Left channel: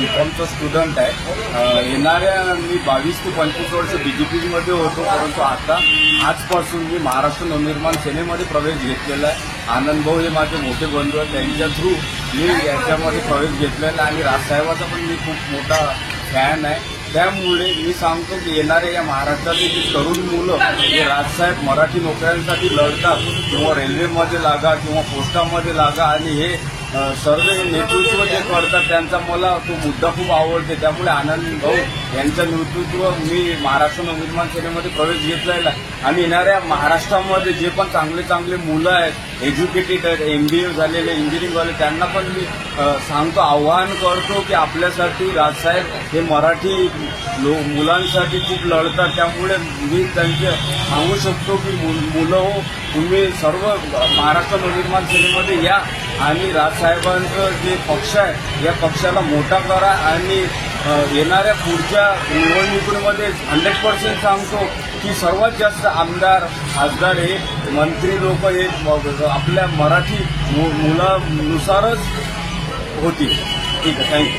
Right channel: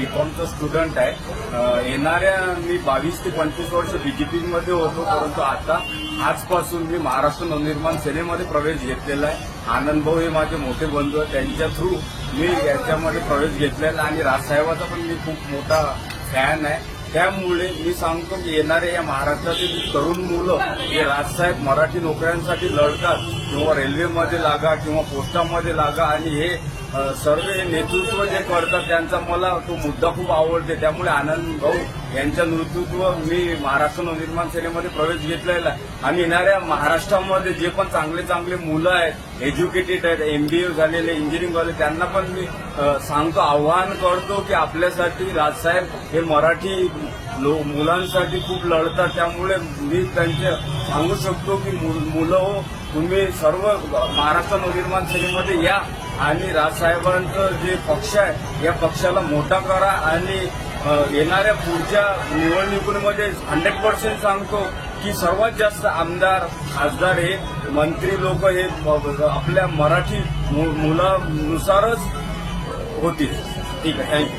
बीकॉमचा student आहे. येणाऱ्या मी 22 ते 25 वर्ष बीजेपीमध्ये होतो, परंतु आता आजपासून मी महाराष्ट्र नवनिर्माण सेनेमध्ये प्रवेश घेतलेला आहे. आनंद भाऊ हे माझे मोठे बंधू आहेत, त्यांच्या थ्रू मी याच्यामध्ये प्रवेश घेतलेला आहे आणि राजसाहेबांचा पण मी खूप मोठा फॅन आहे. त्यामुळे मी सांगतो की येणाऱ्या या महाराष्ट्रातील जे तरुण मुलं राजसाहेब मराठी नोकऱ्यांसाठी लढतात, किंवा रेल्वेमध्ये लागा किंवा पोस्टामध्ये लागा, आणि हे सर्व हे नेतृत्व जे करतात त्यांचा मला तो मुद्दा खूप आवडते. त्यामुळे आनंद भाऊ यांचं नेतृत्व मी महाराष्ट्र नवनिर्माण सेनेमध्ये प्रवेश घेतलेला आहे. आणि येणाऱ्या महाराष्ट्रामध्ये जे पण चांगले चांगले मुलं आहेत, एज्युकेटेड आहेत, MBA झालेले, इंजिनिअरिंग झाले, त्यांना पण मी सांगतो, आव्हान करतो की आपल्यासाठी राजसाहेब हे मराठी मुलांसाठी खूप लढतात. त्यामुळे मी त्यांचे सांगू शकतो की मुलं हो, तुम्ही सर्व महाराष्ट्र नवनिर्माण सेनेमध्ये या आणि राजसाहेबांचं जे पक्ष आहे या पक्षाला मोठा करा. आणि येणाऱ्या पुढच्या निवडणुकीमध्ये 100% सांगतो की सर्वात जास्त आमदार खासदार हे मंत्री लोक हे आपल्या मराठी मुलानुसारच होतील. ठीक आहे, थँक्यू.